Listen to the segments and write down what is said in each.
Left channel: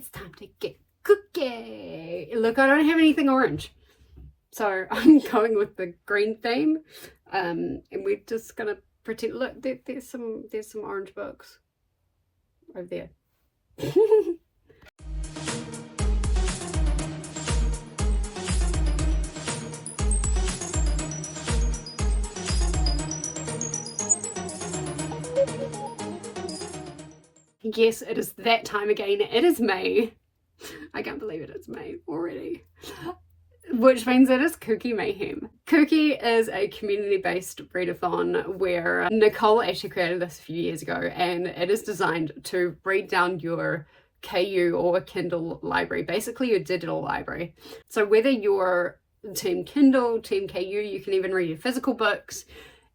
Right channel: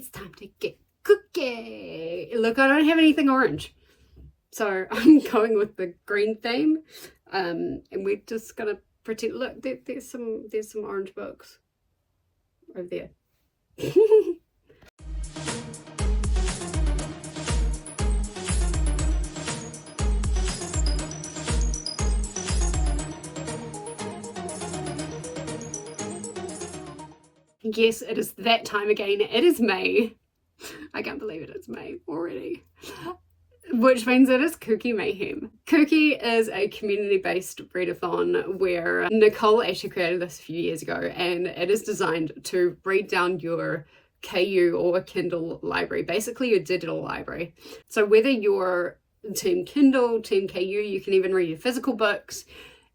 it's time to get cookie. Look, I don't have anything orange, so I'm going with the green theme, and we're just gonna pretend. Look, there's some orange books over there. Yes, it is that time again. It is May. I can't believe it is May already. Which means it is KuKi MAYhem. KuKi is a community-based readathon where Nicole actually created this a few years ago, and it is designed to read down your KU or Kindle library, basically your digital library. So whether you're Team Kindle, Team KU, you can even read your physical books.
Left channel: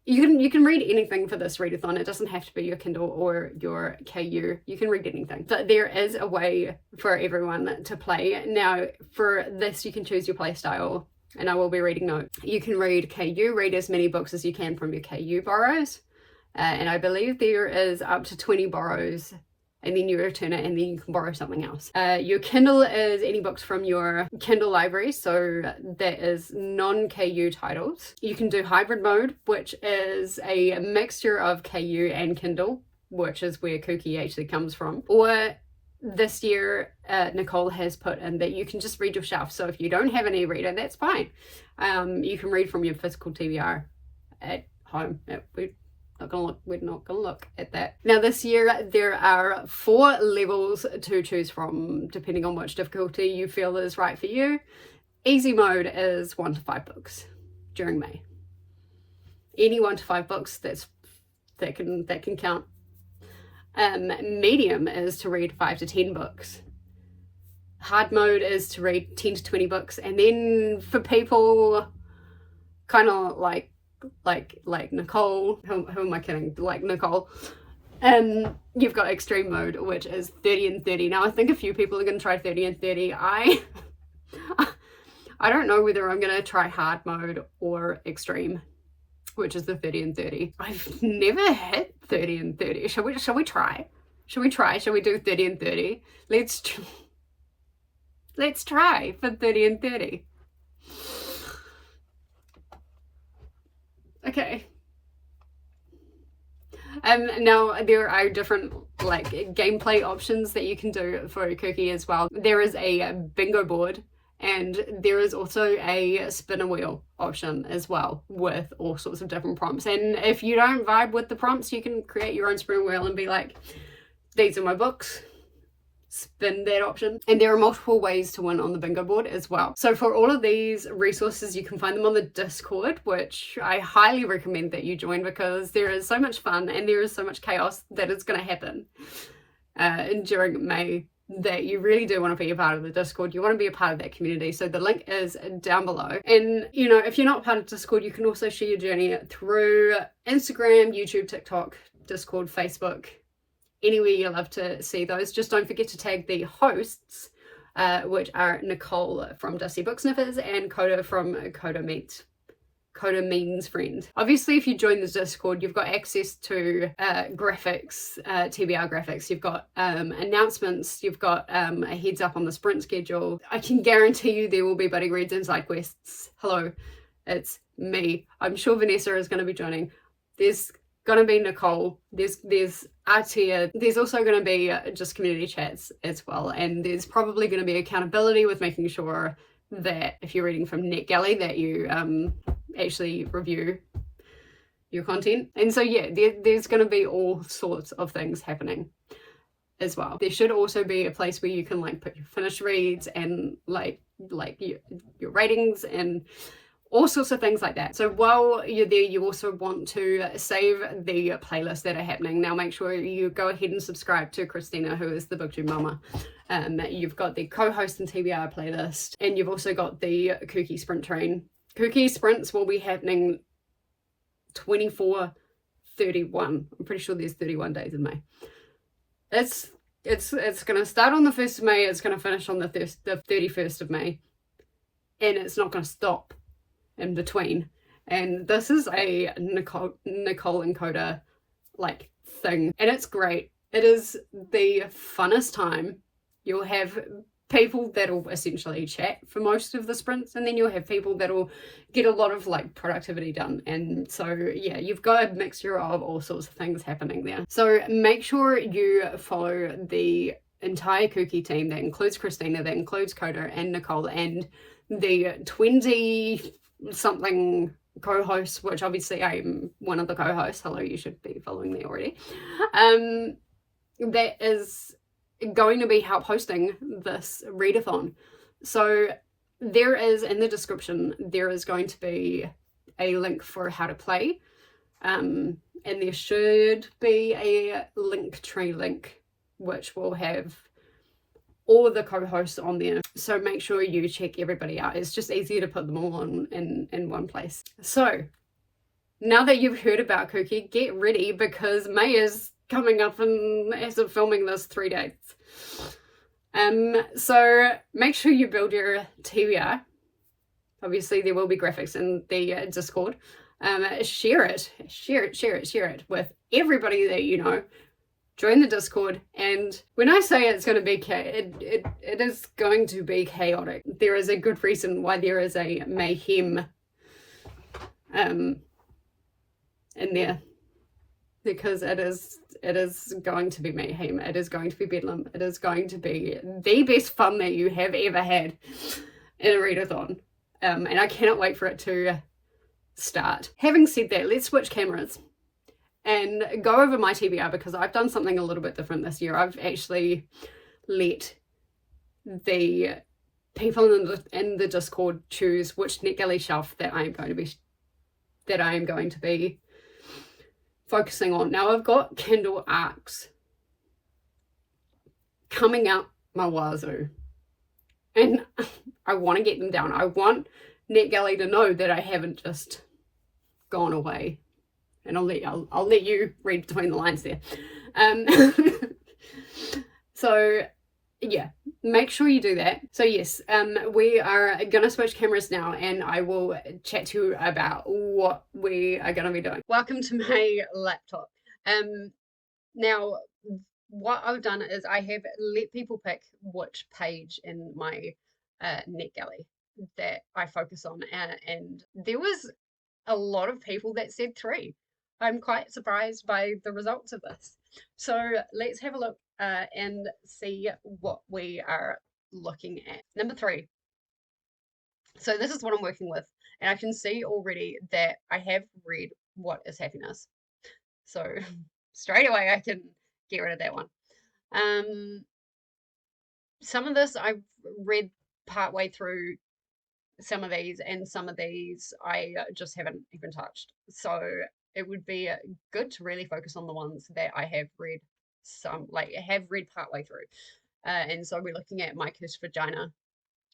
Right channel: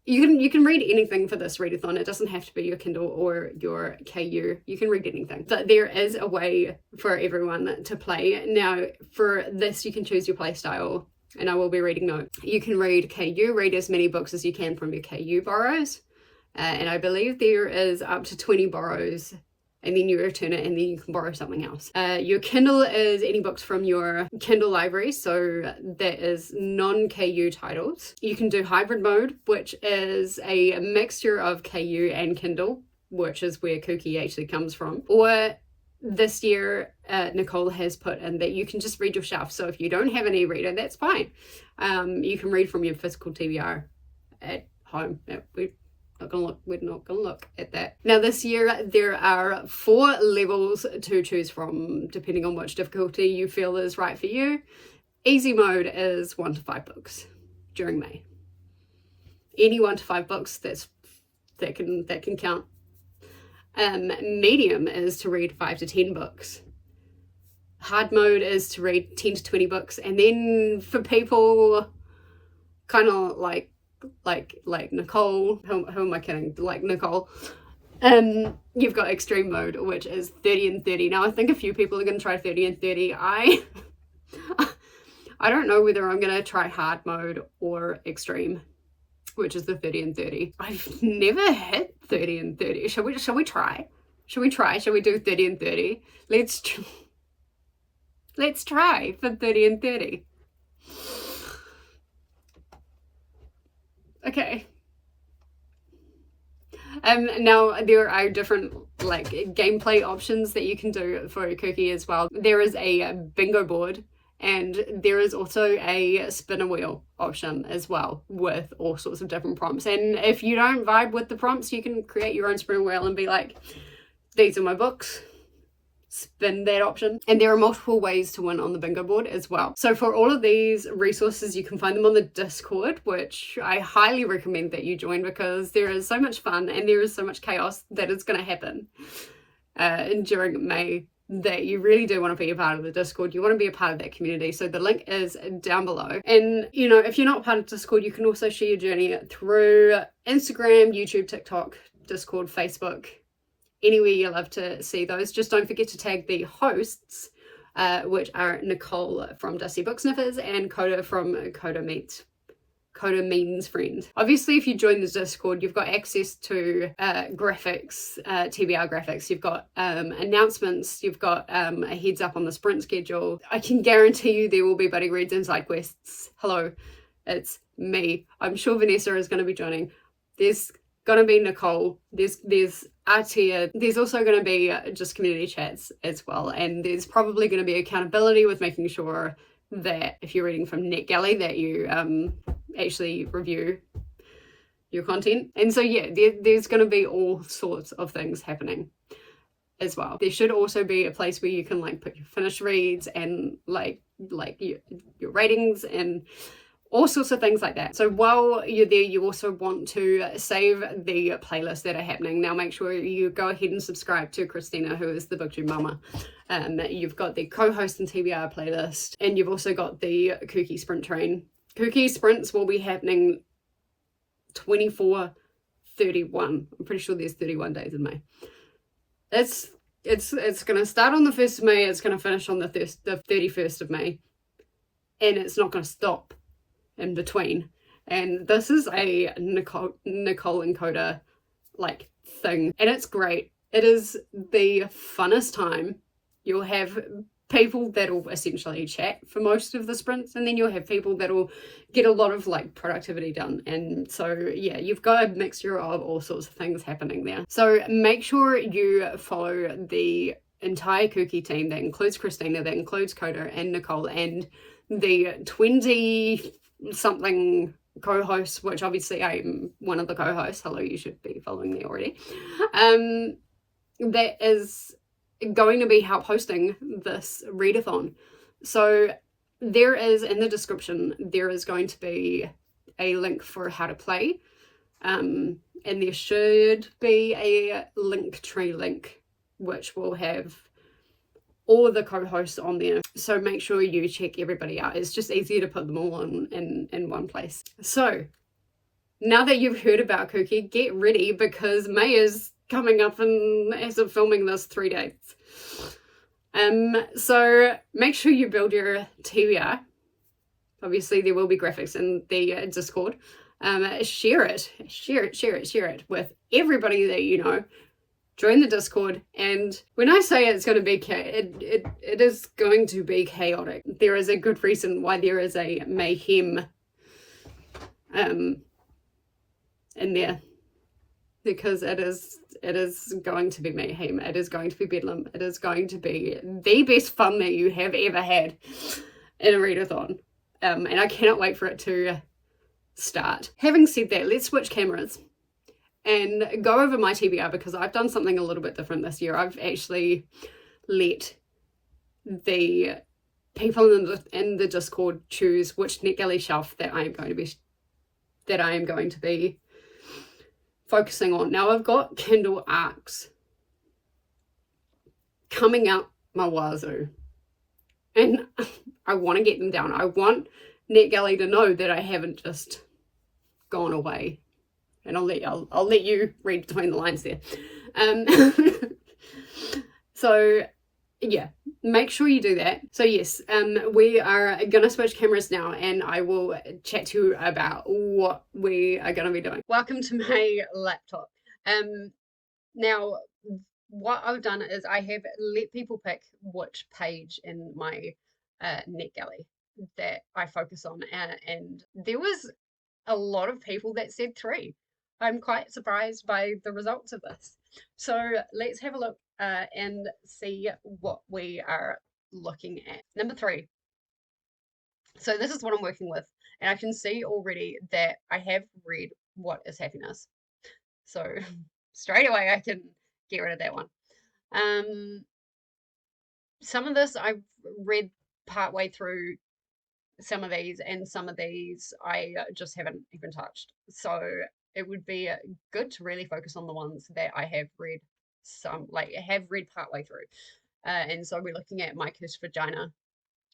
You can read anything for this readathon. It doesn't have to be your Kindle or your KU. You can read anything. But there is a way for everyone to play. Now, for this, you can choose your play style, and I will be reading notes. You can read KU, read as many books as you can from your KU borrows. And I believe there is up to 20 borrows, and then you return it, and then you can borrow something else. Your Kindle is any books from your Kindle library, so that is non-KU titles. You can do hybrid mode, which is a mixture of KU and Kindle, which is where KuKi actually comes from. Or this year, Nicole has put in that you can just read yourself. So if you don't have an e-reader, that's fine. You can read from your physical TBR at home. We're not gonna look at that. Now this year there are 4 levels to choose from depending on which difficulty you feel is right for you. Easy mode is 1 to 5 books during May. Any 1 to 5 books that can count. Medium is to read 5 to 10 books. Hard mode is to read 10 to 20 books, and then for people kind of like Nicole, who am I kidding? Like Nicole. You've got extreme mode, which is 30 and 30. Now I think a few people are going to try 30 and 30. I don't know whether I'm going to try hard mode or extreme, which is the 30 and 30. I've never hit 30 and 30. Shall we try? Shall we do 30 and 30? Let's try for 30 and 30. Okay. Now there are different like gameplay options that you can do for KuKi as well. There is a bingo board, and there is also a spinner wheel option as well with all sorts of different prompts. And if you don't vibe with the prompts, you can create your own spinner wheel and be like, these are my books. Spin that option. And there are multiple ways to win on the bingo board as well. So for all of these resources, you can find them on the Discord, which I highly recommend that you join, because there is so much fun and there is so much chaos that is going to happen during May that you really do want to be a part of the Discord. You want to be a part of that community. So the link is down below. And you know, if you're not part of Discord, you can also share your journey through Instagram, YouTube, TikTok, Discord, Facebook, anywhere you love to see those. Just don't forget to tag the hosts, which are Nicole from Dusty Book Sniffers and Koda from Koda Means Friend. Obviously, if you join the Discord, you've got access to graphics, TBR graphics. You've got announcements. You've got a heads up on the sprint schedule. I can guarantee you there will be buddy reads and side quests. Hello, it's me. I'm sure Vanessa is going to be joining. There's gonna be Nicole, there's Artia, there's also gonna be just community chats as well, and there's probably gonna be accountability with making sure that if you're reading from NetGalley that you actually review your content. And so yeah, there's gonna be all sorts of things happening as well. There should also be a place where you can like put your finished reads and like your ratings and all sorts of things like that. So while you're there, you also want to save the playlists that are happening. Now make sure you go ahead and subscribe to Christina, who is the BookTube mama. You've got the co-host and TBR playlist, and you've also got the KuKi Sprint train. KuKi Sprints will be happening 24/31. I'm pretty sure there's 31 days in May. It's going to start on the 1st of May, it's going to finish on the 31st of May, and it's not going to stop in between. And this is a Nicole and Koda like thing, and it's great. It is the funnest time You'll have people that'll essentially chat for most of the sprints, and then you'll have people that'll get a lot of like productivity done. And so yeah, you've got a mixture of all sorts of things happening there. So make sure you follow the entire KuKi team. That includes Christina, that includes Koda and Nicole, and the 20 something co-hosts, which obviously I am one of the co-hosts, although you should be following me already. That is going to be help hosting this readathon. So there is, in the description, there is going to be a link for how to play, and there should be a Linktree link which will have all of the co-hosts on there. So make sure you check everybody out. It's just easier to put them all in one place. So now that you've heard about KuKi, get ready, because May is coming up in, as of filming this, 3 days. So make sure you build your TBR. Obviously there will be graphics in the Discord. Share it with everybody that you know. Join the Discord, and when I say it's going to be it is going to be chaotic. There is a good reason why there is a mayhem in there, because it is going to be mayhem. It is going to be bedlam. It is going to be the best fun that you have ever had in a readathon, and I cannot wait for it to start. Having said that, let's switch cameras and go over my TBR, because I've done something a little bit different this year. I've actually let the people in the Discord choose which NetGalley shelf that I am going to be focusing on. Now I've got Kindle arcs coming out my wazoo, and I want to get them down. I want NetGalley to know that I haven't just gone away. And I'll let you read between the lines there. So yeah, make sure you do that. So yes, we are gonna switch cameras now, and I will chat to you about what we are gonna be doing. Welcome to my laptop. Now what I've done is I have let people pick which page in my NetGalley that I focus on, and there was a lot of people that said 3. I'm quite surprised by the results of this. So let's have a look and see what we are looking at. Number 3. So this is what I'm working with, and I can see already that I have read What is Happiness. So straight away I can get rid of that one. Some of this I've read partway through, some of these, and some of these I just haven't even touched. So it would be good to really focus on the ones that I have read partway through. And so we're looking at My Cursed Vagina,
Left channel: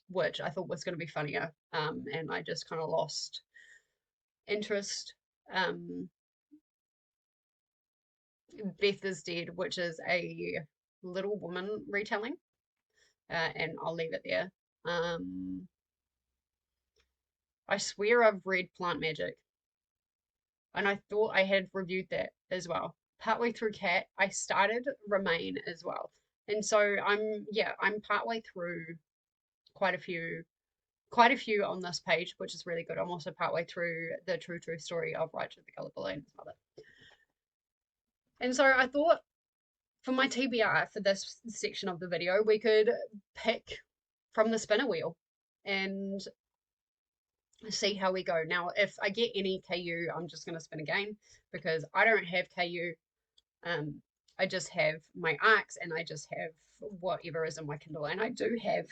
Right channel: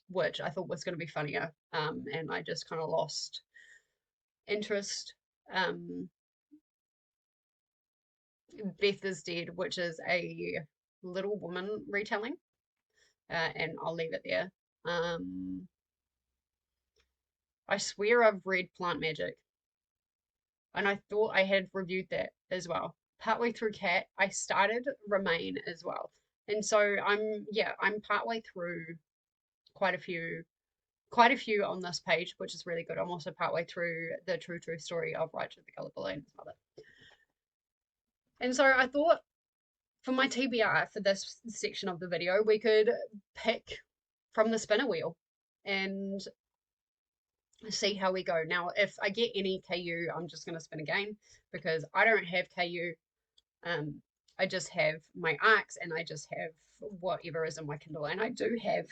which I thought was going to be funnier, and I just kind of lost interest. Beth is Dead, which is a Little Woman retelling, and I'll leave it there. I swear I've read Plant Magic, and I thought I had reviewed that as well. Partway through Cat, I started Remain as well. And so I'm partway through quite a few on this page, which is really good. I'm also partway through the true story of Rachel the Colored Balloon's mother. And so I thought for my TBR for this section of the video, we could pick from the spinner wheel and see how we go. Now, if I get any KU, I'm just going to spin again, because I don't have KU. I just have my arcs, and I just have whatever is in my Kindle. And I do have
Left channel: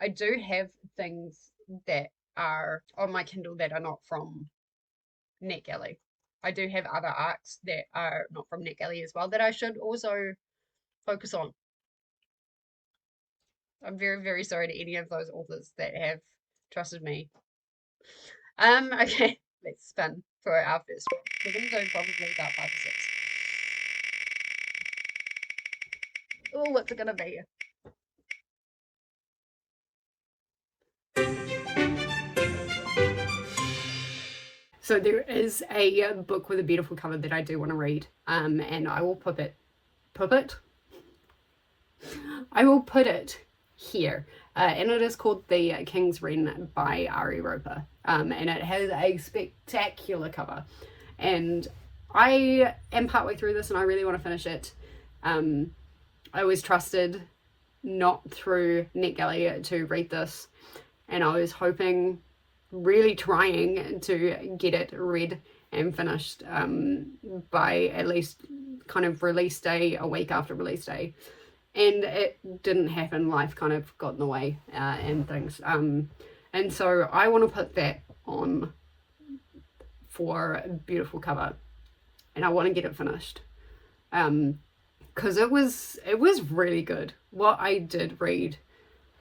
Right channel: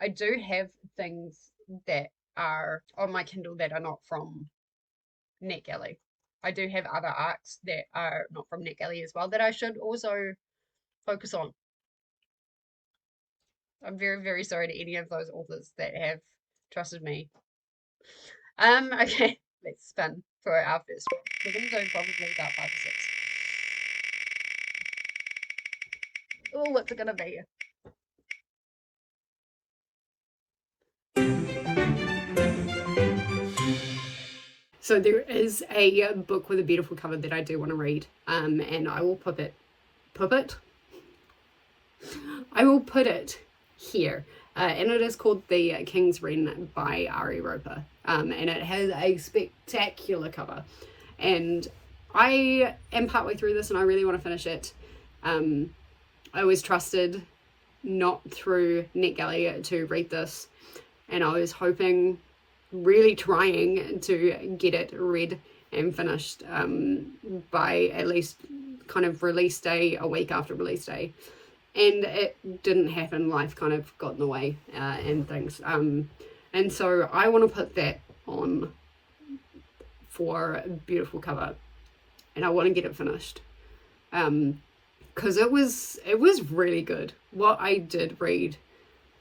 I do have things that are on my Kindle that are not from NetGalley. I do have other arcs that are not from NetGalley as well that I should also focus on. I'm very, very sorry to any of those authors that have trusted me. Okay, let's spin for our first one. We're going to do probably about 5 or 6. Oh, what's it going to be? So there is a book with a beautiful cover that I do want to read, and I will put it I will put it here. And it is called The King's Wren by Ari Roper. And it has a spectacular cover. And I am partway through this and I really want to finish it. I was trusted not through NetGalley to read this. And I was hoping, really trying to get it read and finished by at least kind of release day, a week after release day. And it didn't happen. Life kind of got in the way and things. And so I want to put that on for a beautiful cover. And I want to get it finished. Because it was really good. What I did read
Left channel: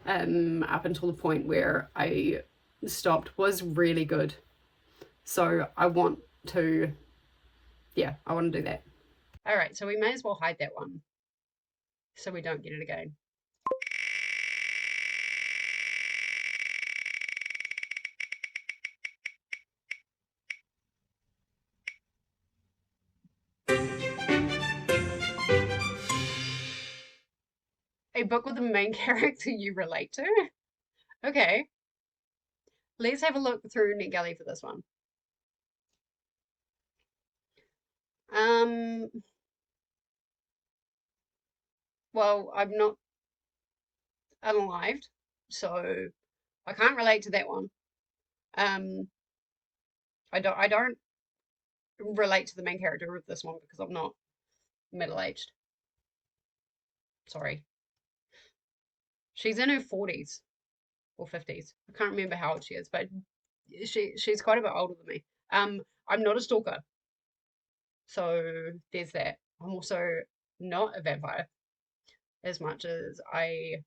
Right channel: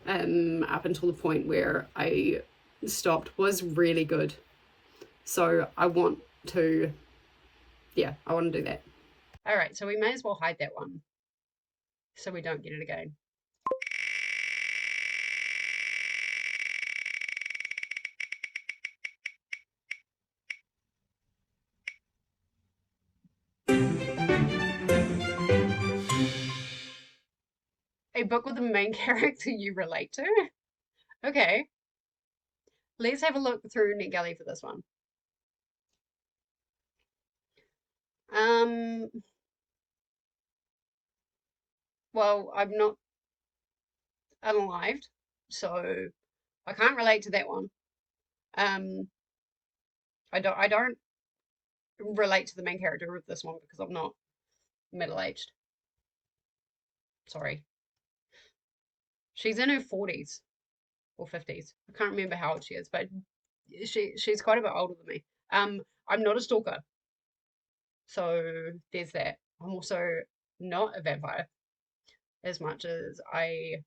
up until the point where I stopped was really good. So I want to do that. All right, so we may as well hide that one so we don't get it again. A book with a main character you relate to? Okay. Let's have a look through NetGalley for this one. Well, I'm not alive, so I can't relate to that one. I don't relate to the main character of this one because I'm not middle-aged. Sorry. She's in her 40s or 50s. I can't remember how old she is, but she's quite a bit older than me. I'm not a stalker. So there's that. I'm also not a vampire as much as I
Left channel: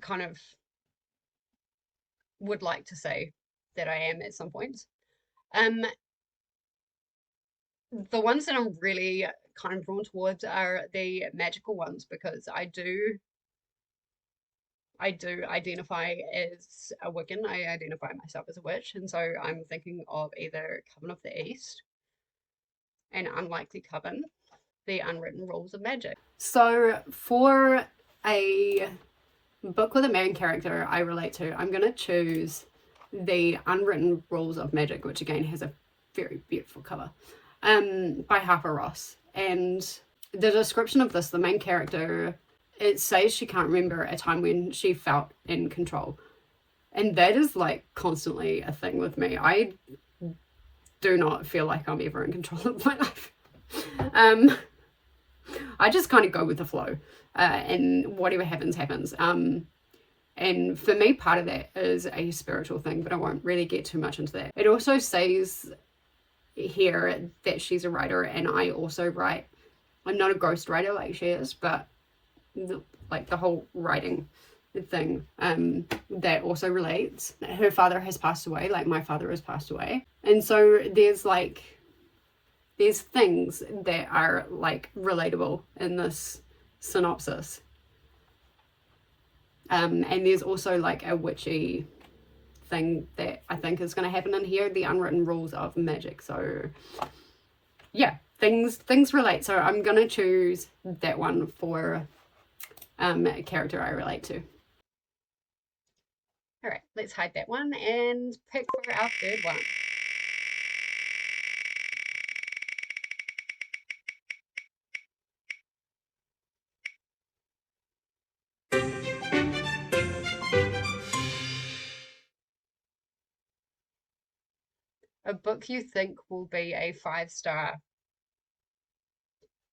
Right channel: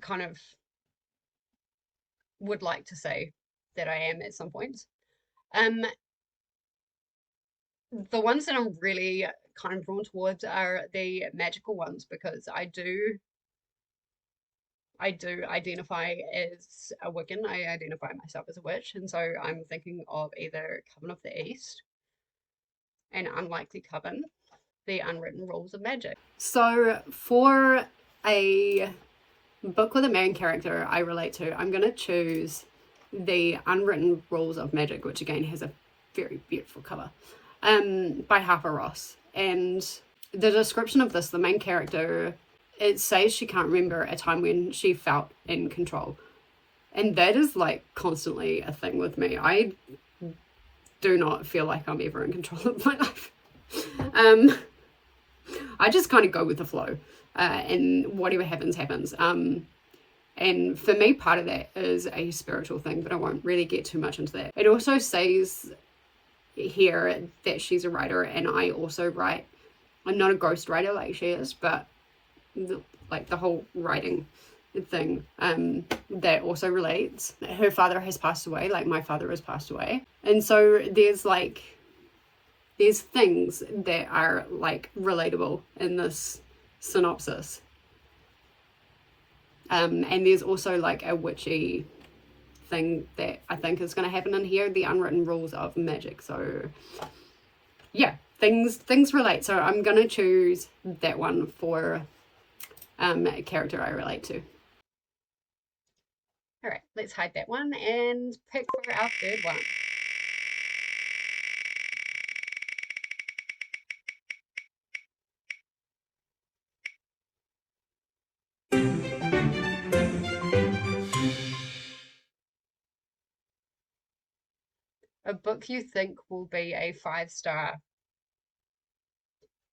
kind of would like to say that I am at some points. The ones that I'm really kind of drawn towards are the magical ones because I do identify as a Wiccan. I identify myself as a witch, and so I'm thinking of either Coven of the East, An Unlikely Coven, The Unwritten Rules of Magic. So for a book with a main character I relate to, I'm going to choose The Unwritten Rules of Magic, which again has a very beautiful cover, by Harper Ross. And the description of this, the main character, it says she can't remember a time when she felt in control. And that is like constantly a thing with me. I do not feel like I'm ever in control of my life. I just kind of go with the flow, and whatever happens, happens. And for me, part of that is a spiritual thing, but I won't really get too much into that. It also says here that she's a writer, and I also write. I'm not a ghostwriter like she is, but the whole writing thing that also relates. Her father has passed away, like my father has passed away, and so there's things that are like relatable in this synopsis, and there's also like a witchy thing that I think is going to happen in here, the unwritten rules of magic. So yeah, things relate. So I'm going to choose that one for a character I relate to. All right, let's hide that one and pick for our third one. A book you think will be a 5-star.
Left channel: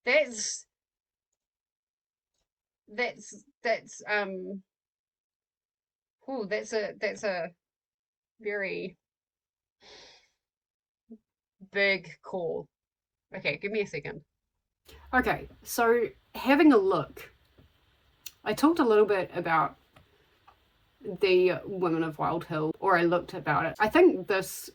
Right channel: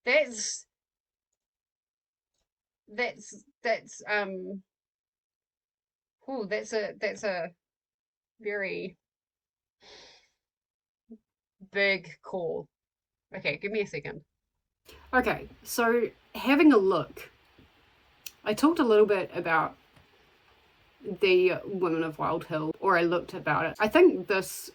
That's a very big call. Okay, give me a second. Okay, so having a look, I talked a little bit about the Women of Wild Hill, or I looked about it. I think this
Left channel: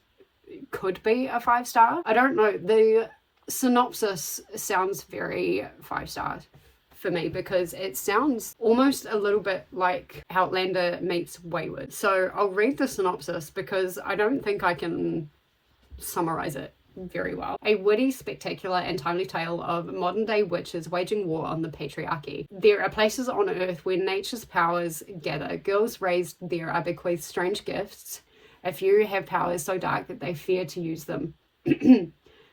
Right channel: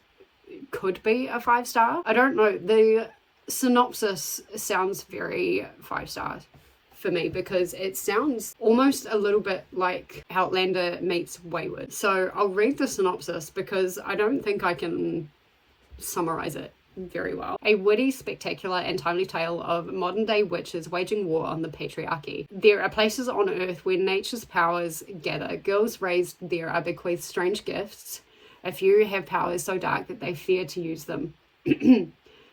could be a 5-star. I don't know. The synopsis sounds very 5 stars for me because it sounds almost a little bit like Outlander meets Wayward. So I'll read the synopsis because I don't think I can summarize it very well. A witty, spectacular and timely tale of modern day witches waging war on the patriarchy. There are places on earth where nature's powers gather. Girls raised there are bequeathed strange gifts. A few have powers so dark that they fear to use them.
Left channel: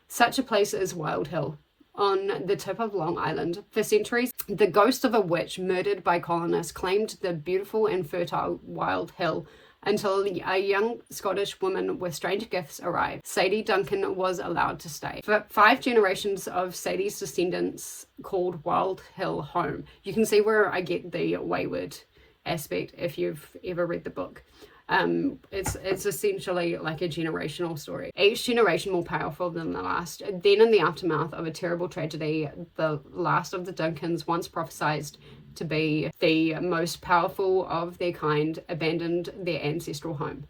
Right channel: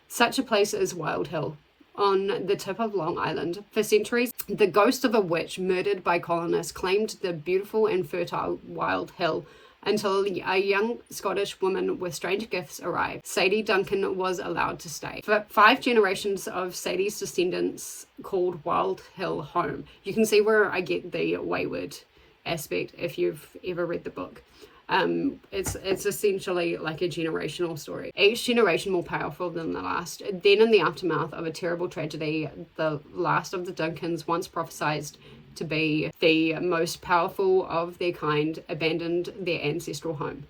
Such a place is Wild Hill, on the tip of Long Island. For centuries, the ghost of a witch murdered by colonists claimed the beautiful and fertile Wild Hill until a young Scottish woman with strange gifts arrived. Sadie Duncan was allowed to stay. For 5 generations of Sadie's descendants called Wild Hill home. You can see where I get the wayward aspect if you've ever read the book. It's essentially like a generational story. Each generation more powerful than the last. Then in the aftermath of a terrible tragedy, the last of the Duncans, once prophesied to be the most powerful of their kind, abandoned their ancestral home.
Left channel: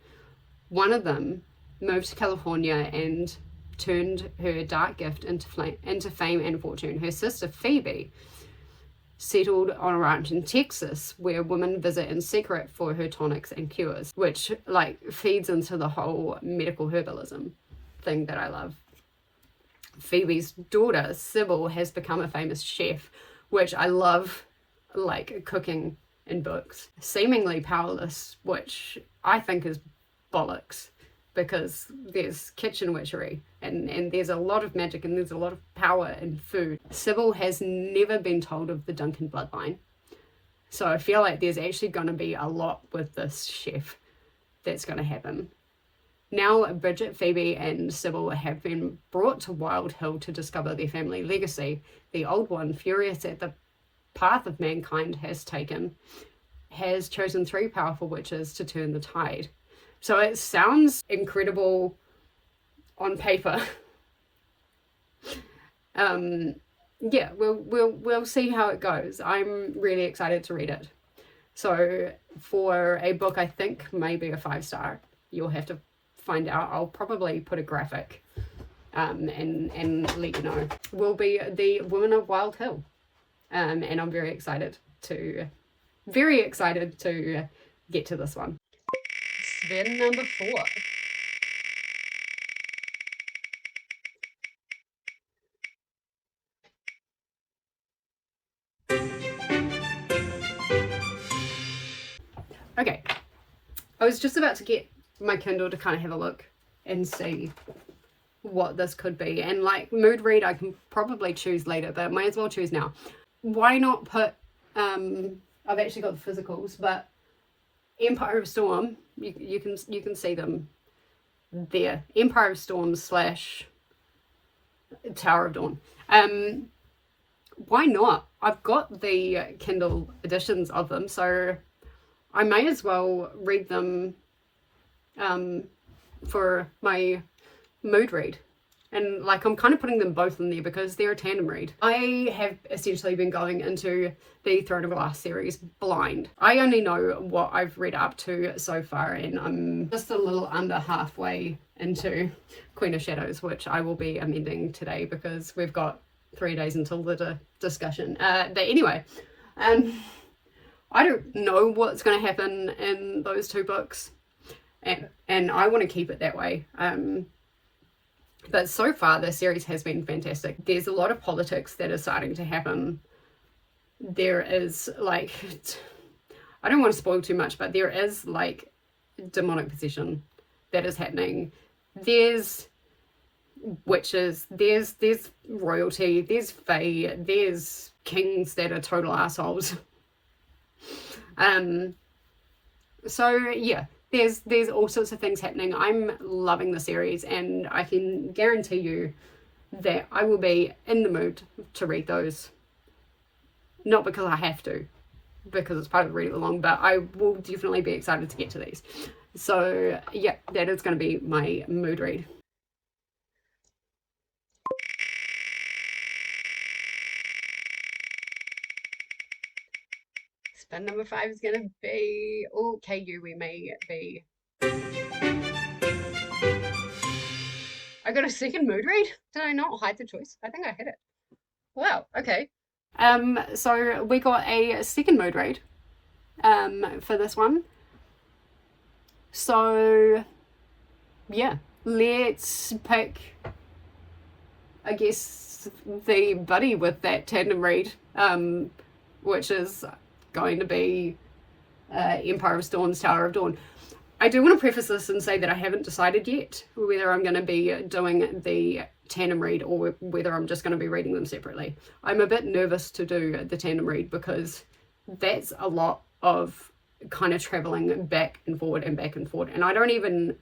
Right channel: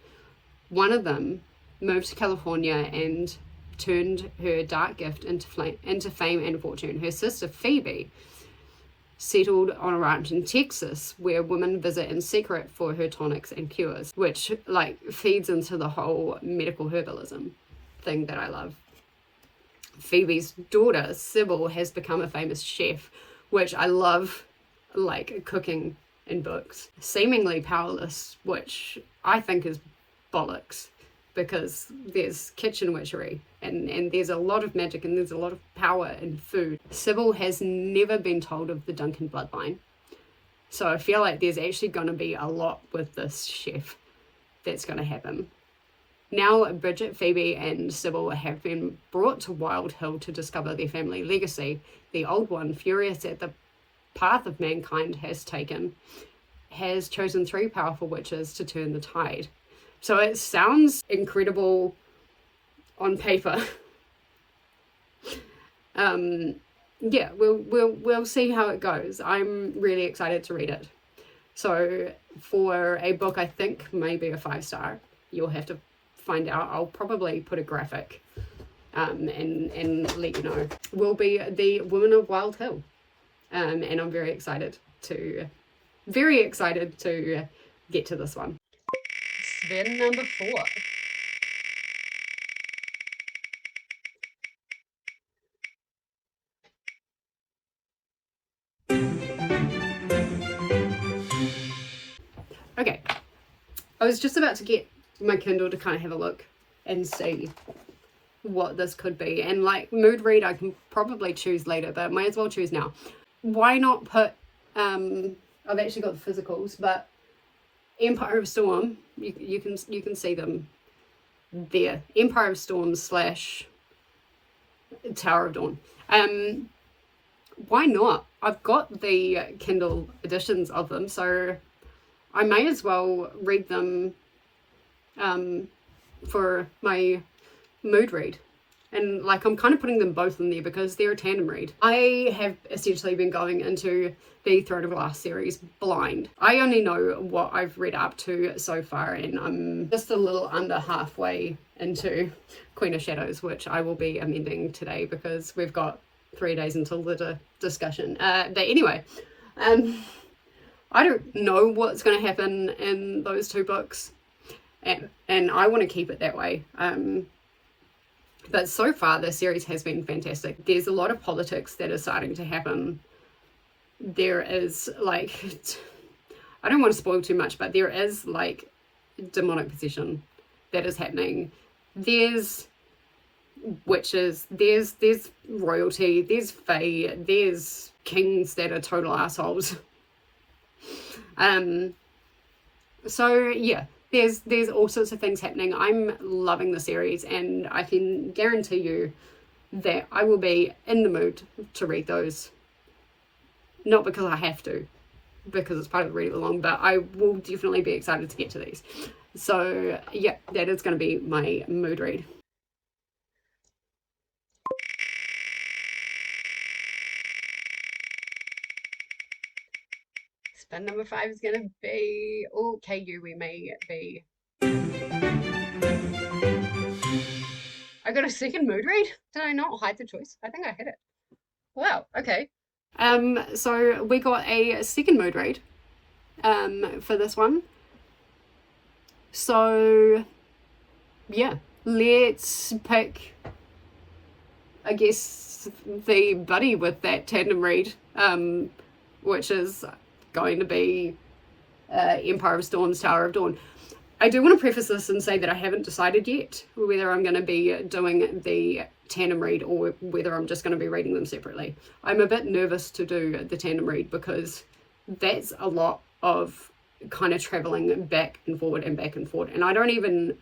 One of them moved to California and turned her dark gift into fame and fortune. Her sister Phoebe settled on a ranch in Texas where women visit in secret for her tonics and cures, which like feeds into the whole medical herbalism thing that I love. Phoebe's daughter Sybil has become a famous chef, which I love, like cooking in books. Seemingly powerless, which I think is bollocks, because there's kitchen witchery and there's a lot of magic and there's a lot of power in food. Sybil has never been told of the Duncan bloodline. So I feel like there's actually going to be a lot with this chef that's going to happen. Now Bridget, Phoebe and Sybil have been brought to Wild Hill to discover their family legacy. The old one, furious at the path of mankind has taken, has chosen 3 powerful witches to turn the tide. So it sounds incredible on paper. Yeah, we'll see how it goes. I'm really excited to read it. So for a book I think maybe a 5-star, you'll have to find out. I'll probably put a graphic and let you know. Will be The Woman of Wild Hill. And I'm very excited to get to this one. Then number 4. Okay, I was just about to get my Kindle to kind of have a look and see what this could be. And like mood read, I can probably choose later, but might as well choose now. Why not put, I've actually got the physicals, but Empire of Storm, you can see them there. Empire of Storm / Tower of Dawn. Why not? I've got the Kindle editions of them, so I may as well read them for my mood read. And like I'm kind of putting them both in there because they're a tandem read. I have essentially been going into the Throne of Glass series blind. I only know what I've read up to so far, and I'm just a little under halfway into Queen of Shadows, which I will be amending today because we've got 3 days until the discussion. But anyway, I don't know what's going to happen in those 2 books, and I want to keep it that way. But so far, the series has been fantastic. There's a lot of politics that are starting to happen. There is, like, I don't want to spoil too much, but there is, like, demonic possession that is happening. There's witches, there's royalty, there's fae, there's kings that are total assholes. So, yeah. There's all sorts of things happening. I'm loving the series, and I can guarantee you that I will be in the mood to read those. Not because I have to, because it's part of the read along, but I will definitely be excited to get to these. So yeah, that is going to be my mood read. Spin number 5 is going to be KuKi MAYhem. I got a second mood read? Did I not hide the choice? I think I hit it. Wow, okay. So we got a second mood read for this one. So yeah, let's pick I guess, the buddy with that tandem read, which is going to be Empire of Storms, Tower of Dawn. I do want to preface this and say that I haven't decided yet whether I'm going to be doing the tandem read or whether I'm just going to be reading them separately. I'm a bit nervous to do the tandem read because that's a lot of kind of traveling back and forward, and I don't even,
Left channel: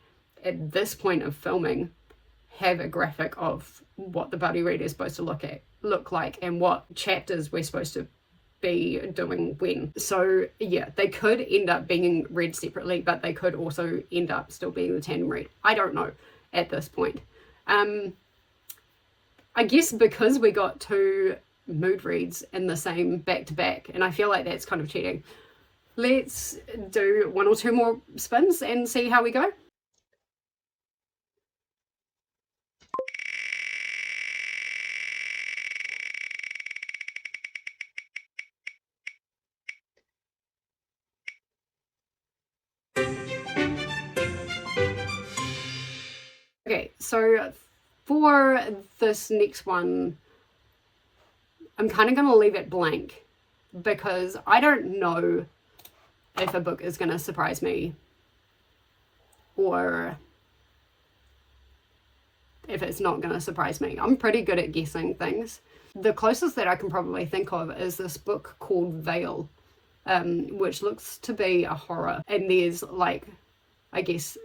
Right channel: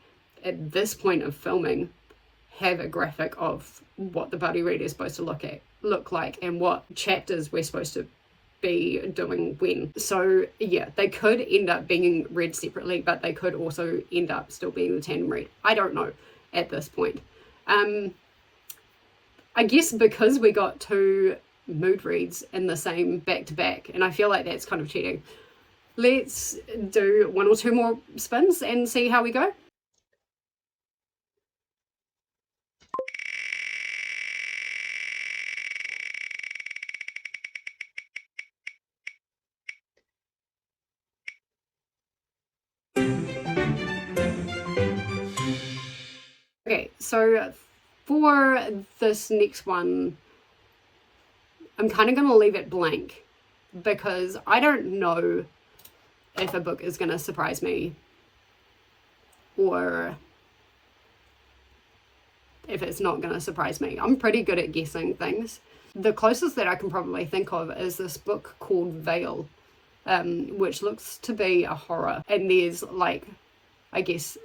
at this point of filming, have a graphic of what the buddy read is supposed to look like and what chapters we're supposed to be doing when. So yeah, they could end up being read separately, but they could also end up still being the tandem read. I don't know at this point. I guess because we got 2 mood reads in the same back-to-back, and I feel like that's kind of cheating. Let's do 1 or 2 more spins and see how we go. Okay, so for this next one, I'm kind of going to leave it blank because I don't know if a book is going to surprise me or if it's not going to surprise me. I'm pretty good at guessing things. The closest that I can probably think of is this book called Veil, which looks to be a horror. And there's, like, I guess,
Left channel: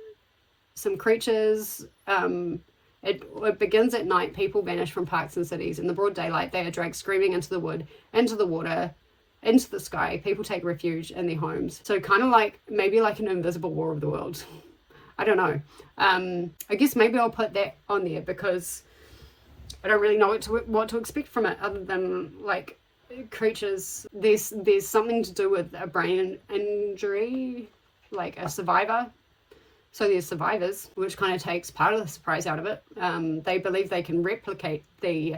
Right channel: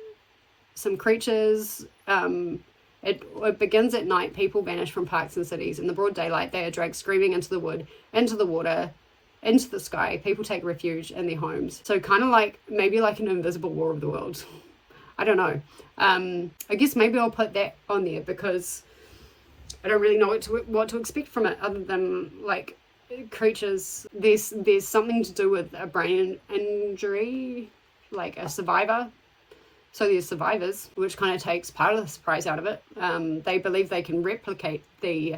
some creatures. It begins at night. People vanish from parks and cities. In the broad daylight, they are dragged screaming into the wood, into the water, into the sky. People take refuge in their homes. So kind of like, maybe like an invisible War of the Worlds. I don't know. I guess maybe I'll put that on there because I don't really know what to expect from it other than, like, creatures. There's something to do with a brain injury, like a survivor. So there's survivors, which kind of takes part of the surprise out of it. They believe they can replicate the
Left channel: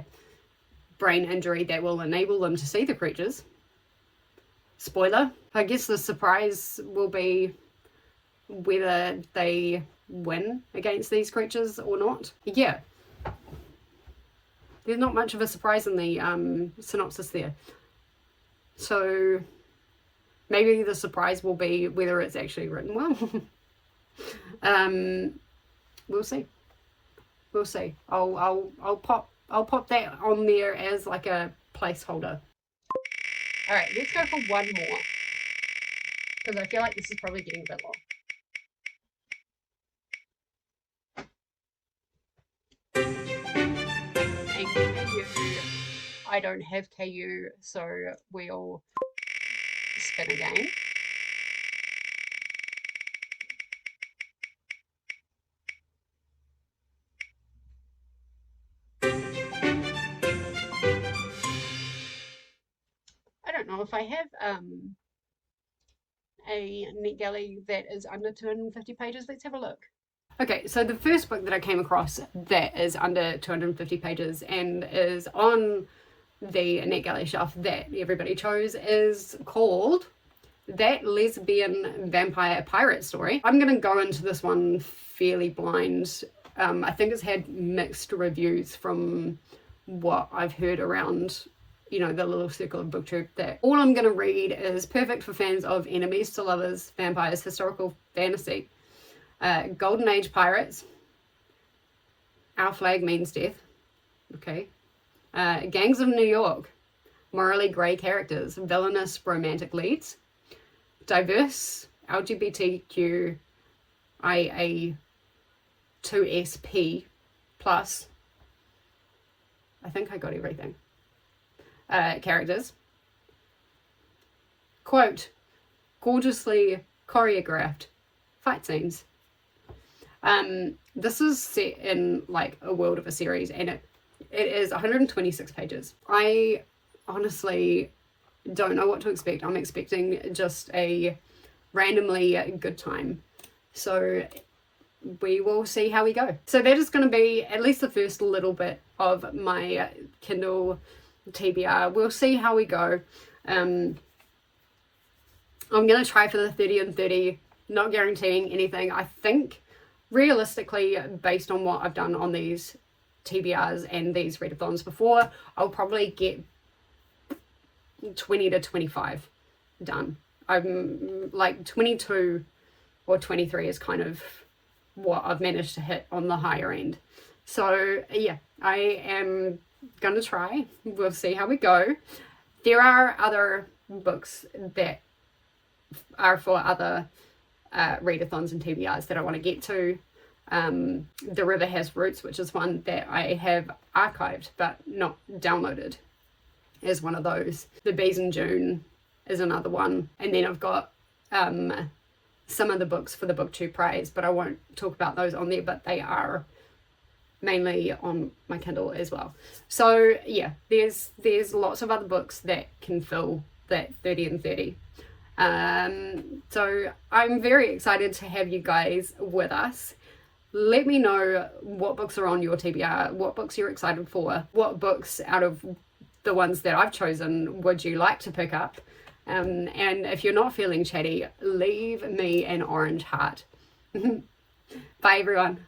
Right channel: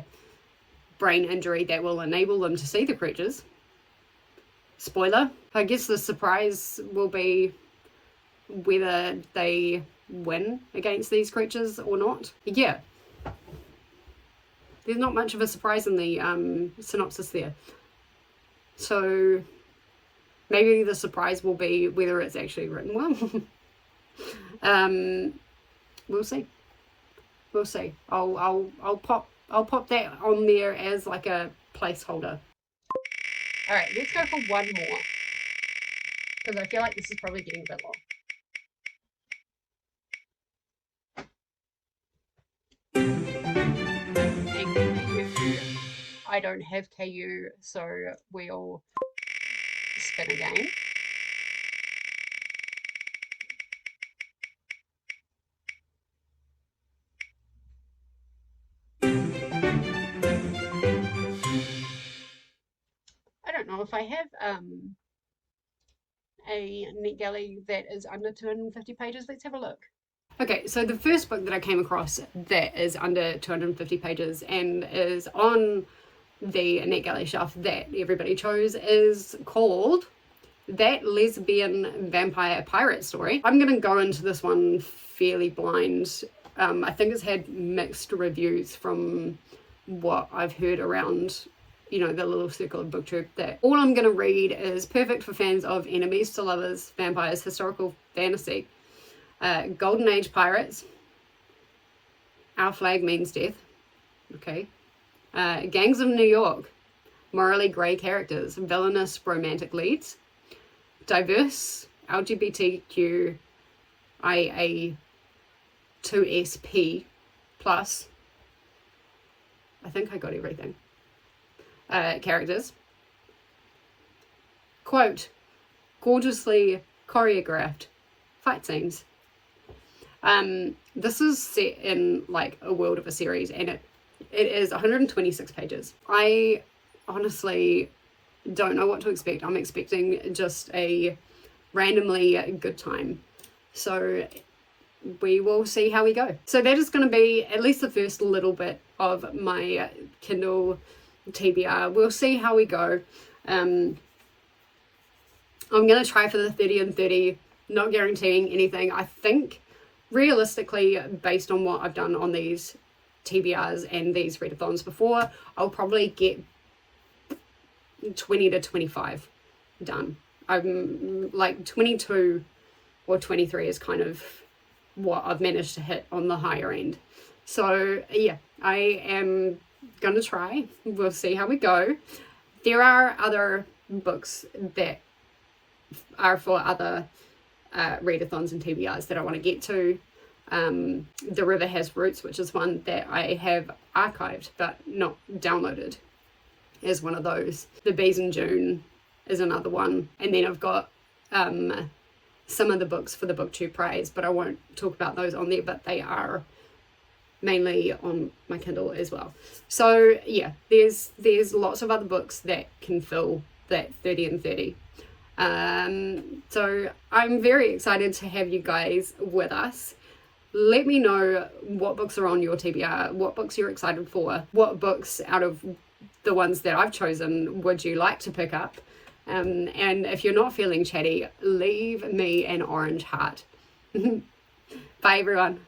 brain injury that will enable them to see the creatures. Spoiler. I guess the surprise will be whether they win against these creatures or not. Yeah. There's not much of a surprise in the synopsis there. So maybe the surprise will be whether it's actually written well. We'll see. We'll see. I'll pop that on there as like a placeholder. All right, let's go for 1 more because I feel like this is probably getting a bit long. I don't have KU, so we'll spin again. I don't know if I have a NetGalley that is under 250 pages. Let's have a look. Okay, so the first book that I came across that is under 250 pages and is on the NetGalley shelf that everybody chose is called That Lesbian Vampire Pirate Story. I'm going to go into this one fairly blind. I think it's had mixed reviews from what I've heard around, you know, the little circle of BookTube. That all I'm going to read is perfect for fans of enemies to lovers, vampires, historical fantasy, golden age pirates, our flag means death, okay, gangs of New York, morally grey characters, villainous romantic leads, diverse LGBTQIA 2SP plus, I think I got everything, characters, quote, gorgeously choreographed fight scenes. This is set in like a world of a series and it is 126 pages. I honestly don't know what to expect. I'm expecting just a randomly good time. So we will see how we go. So that is going to be at least the first little bit of my Kindle TBR. We'll see how we go. I'm going to try for the 30 and 30, not guaranteeing anything. I think realistically, based on what I've done on these TBRs and these readathons before, I'll probably get 20 to 25 done. I'm like 22 or 23 is kind of what I've managed to hit on the higher end. So yeah, I am gonna try. We'll see how we go. There are other books that are for other readathons and TBRs that I want to get to. The River Has Roots, which is one that I have archived but not downloaded, is one of those. The Bees in June is another one. And then I've got some of the books for the BookTube prize, but I won't talk about those on there, but they are mainly on my Kindle as well. So yeah, there's lots of other books that can fill that 30 and 30. So I'm very excited to have you guys with us. Let me know what books are on your TBR, what books you're excited for, what books out of the ones that I've chosen would you like to pick up. And if you're not feeling chatty, leave me an orange heart. Bye everyone.